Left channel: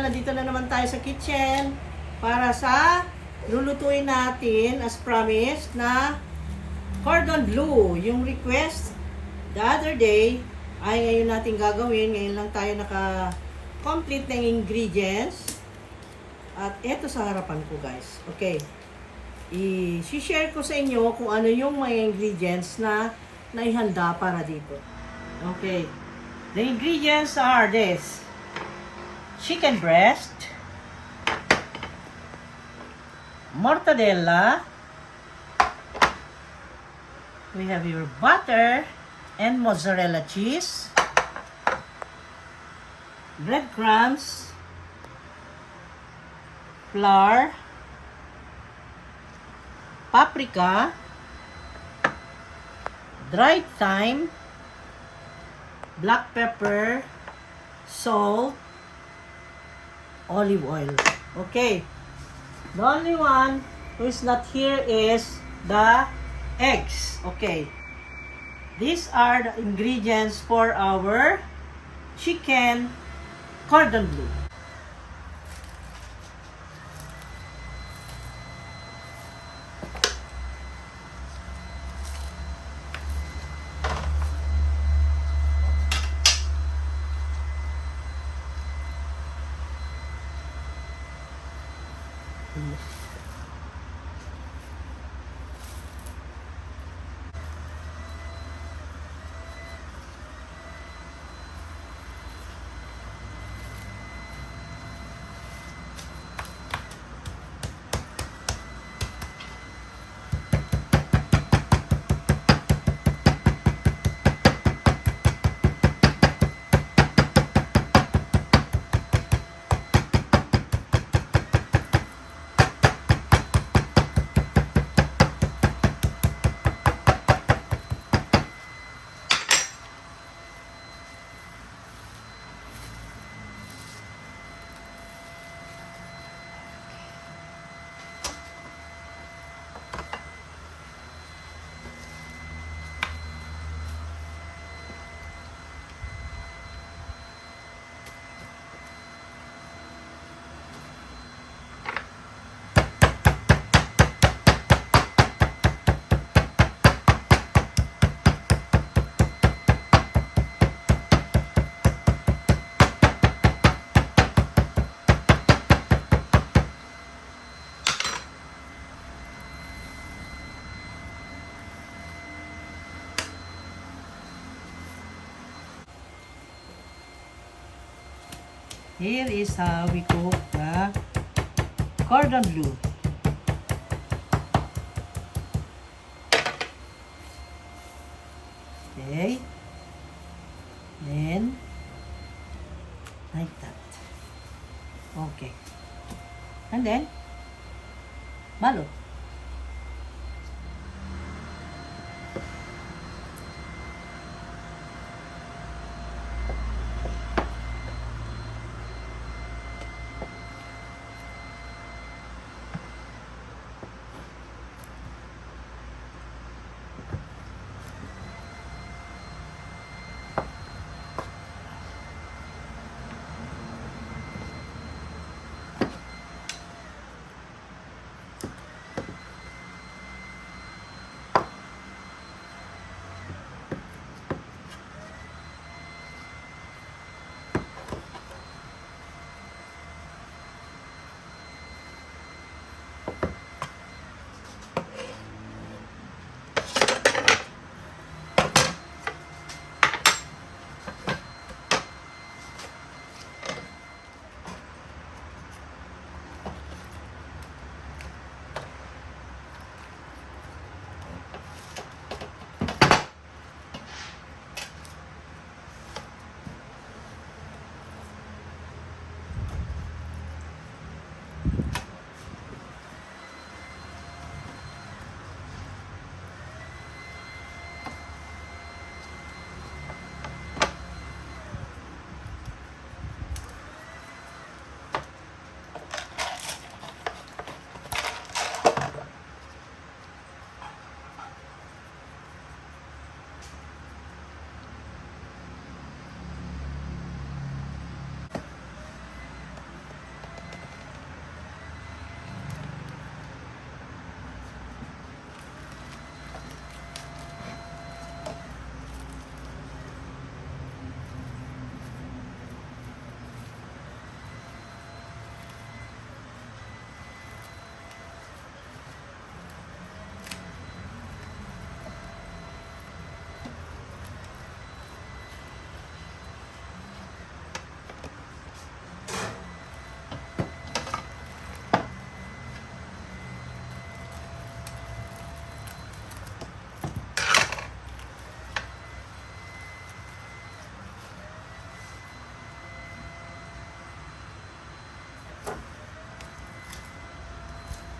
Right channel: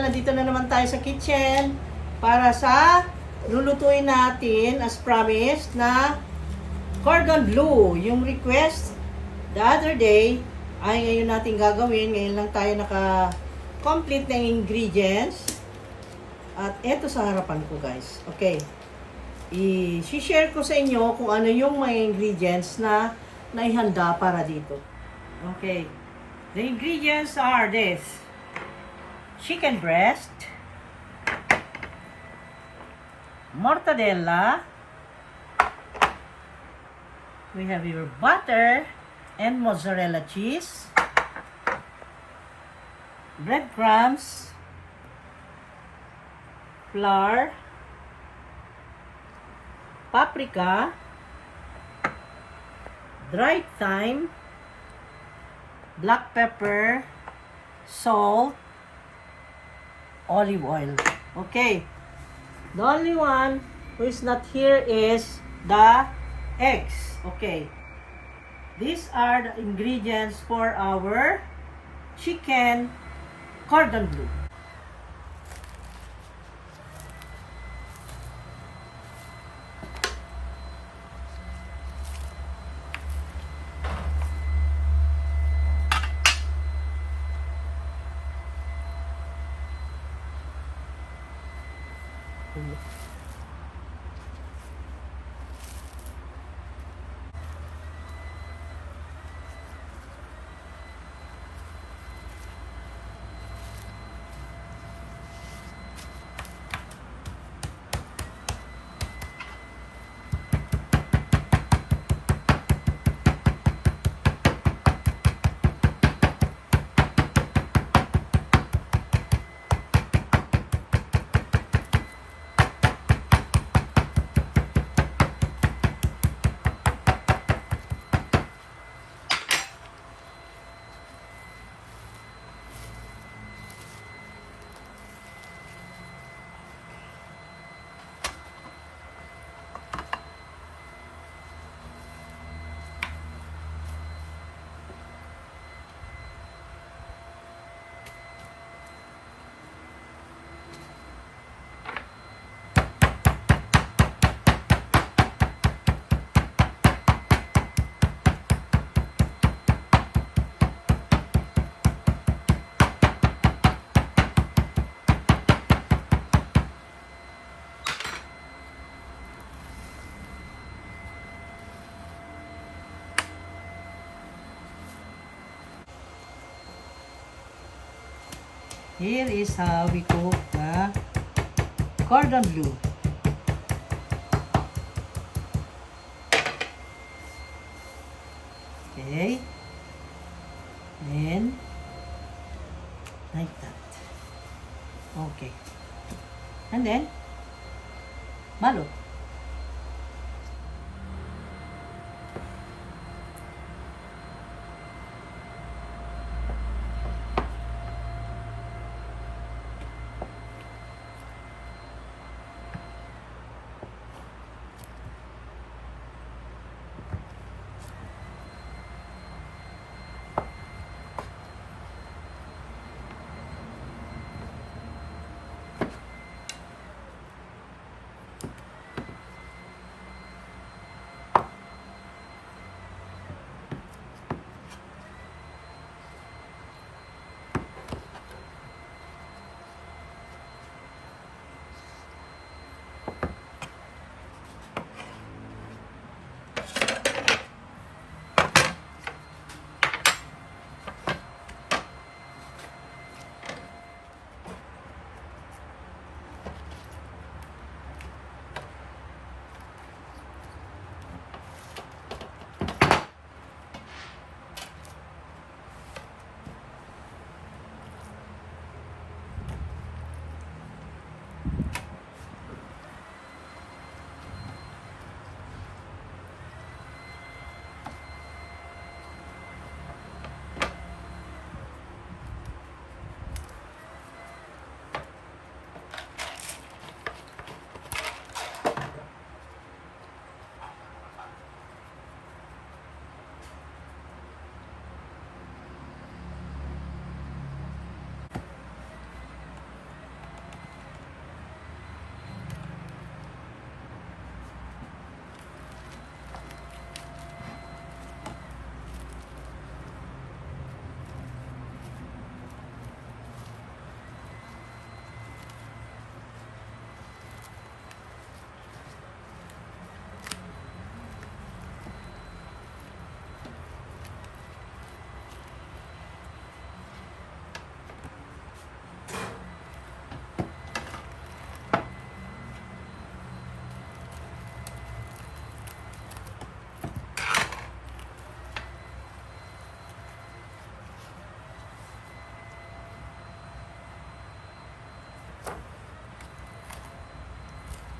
channel. Nandito na naman tayo sa kitchen para sa lulutuin natin as promised na cordon bleu. Yung request the other day ay ngayon natin gagawin. Ngayon lang tayo naka-complete ng ingredients. At eto sa harapan ko, guys. Okay. I-share ko sa inyo kung ano yung mga ingredients na naihanda para dito. Okay. The ingredients are this: chicken breast, mortadella, we have your butter and mozzarella cheese, breadcrumbs, flour, paprika, dried thyme, black pepper, salt, olive oil. Okay. The only one who is not here is the eggs. Okay. These are the ingredients for our chicken cordon bleu. Here is how we cook the cordon bleu. Okay. Then, like that. Okay. And then, balot.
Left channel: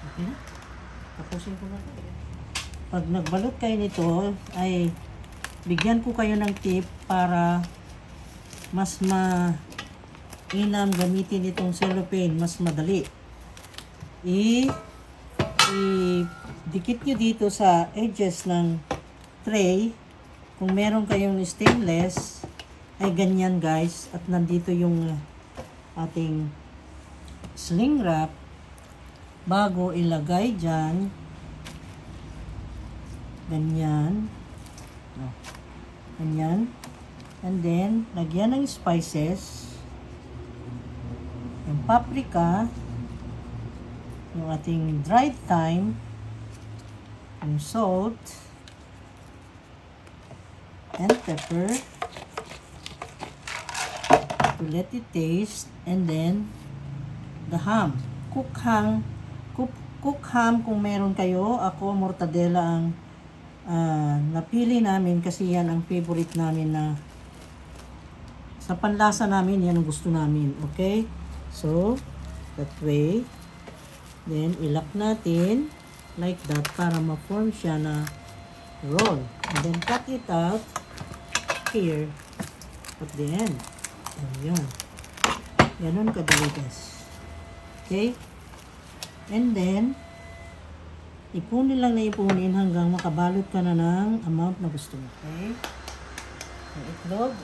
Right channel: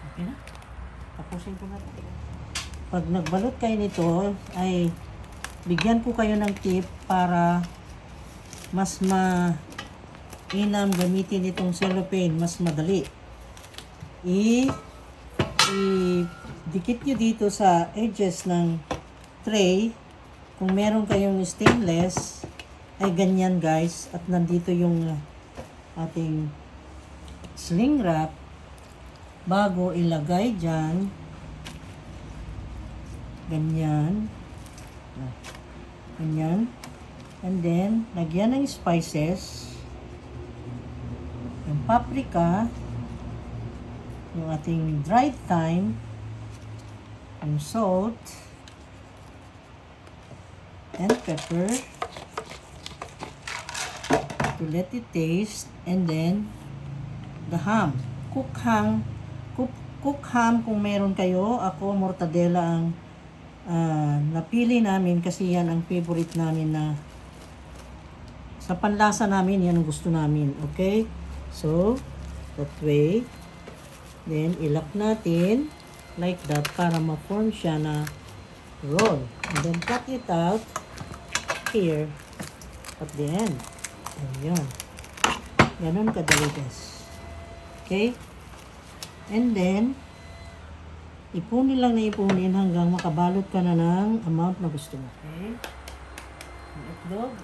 Okay na. Tapusin ko na ito. Pag nagbalot kayo nito, ay bigyan ko kayo ng tip para mas mainam gamitin itong cellophane, mas madali. I-dikit nyo dito sa edges ng tray. Kung meron kayong stainless, ay ganyan guys. At nandito yung ating sling wrap. Bago ilagay dyan, ganyan. Ganyan. And then, lagyan ng spices. Yung paprika. Yung ating dried thyme. Yung salt. And pepper. To let it taste. And then, the ham. Cook ham kung meron kayo. Ako, mortadella ang napili namin kasi yan ang favorite namin na sa panlasa namin, yan ang gusto namin. Okay? So, that way. Then, ilak natin like that para ma-form siya na roll. And then, cut it out here at the end. Ayan. Ganon kadali guys. Okay? And then, ipunin lang na ipunin hanggang makabalot ka na ng amount na gusto mo. Okay? Ang itlog.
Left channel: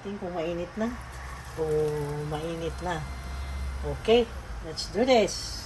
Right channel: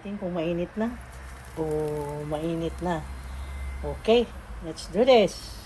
natin kung mainit na. Mainit na. Okay, let's do this.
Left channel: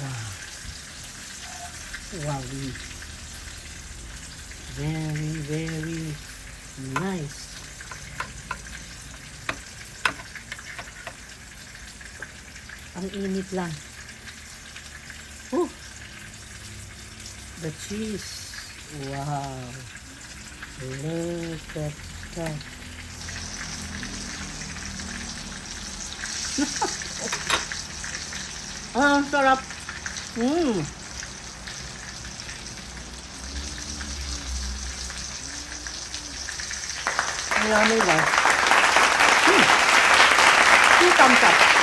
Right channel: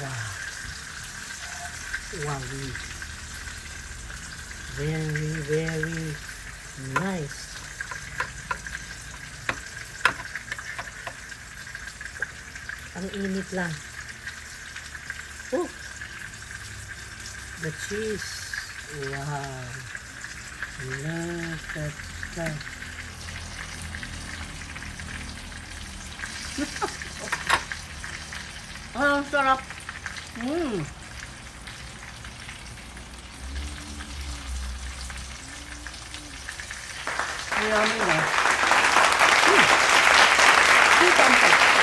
Wow. Wow. Very, very nice. Ang init lang. The cheese. Wow. Look at that. Ang sarap. Ang lamay lang. 2 thumbs up.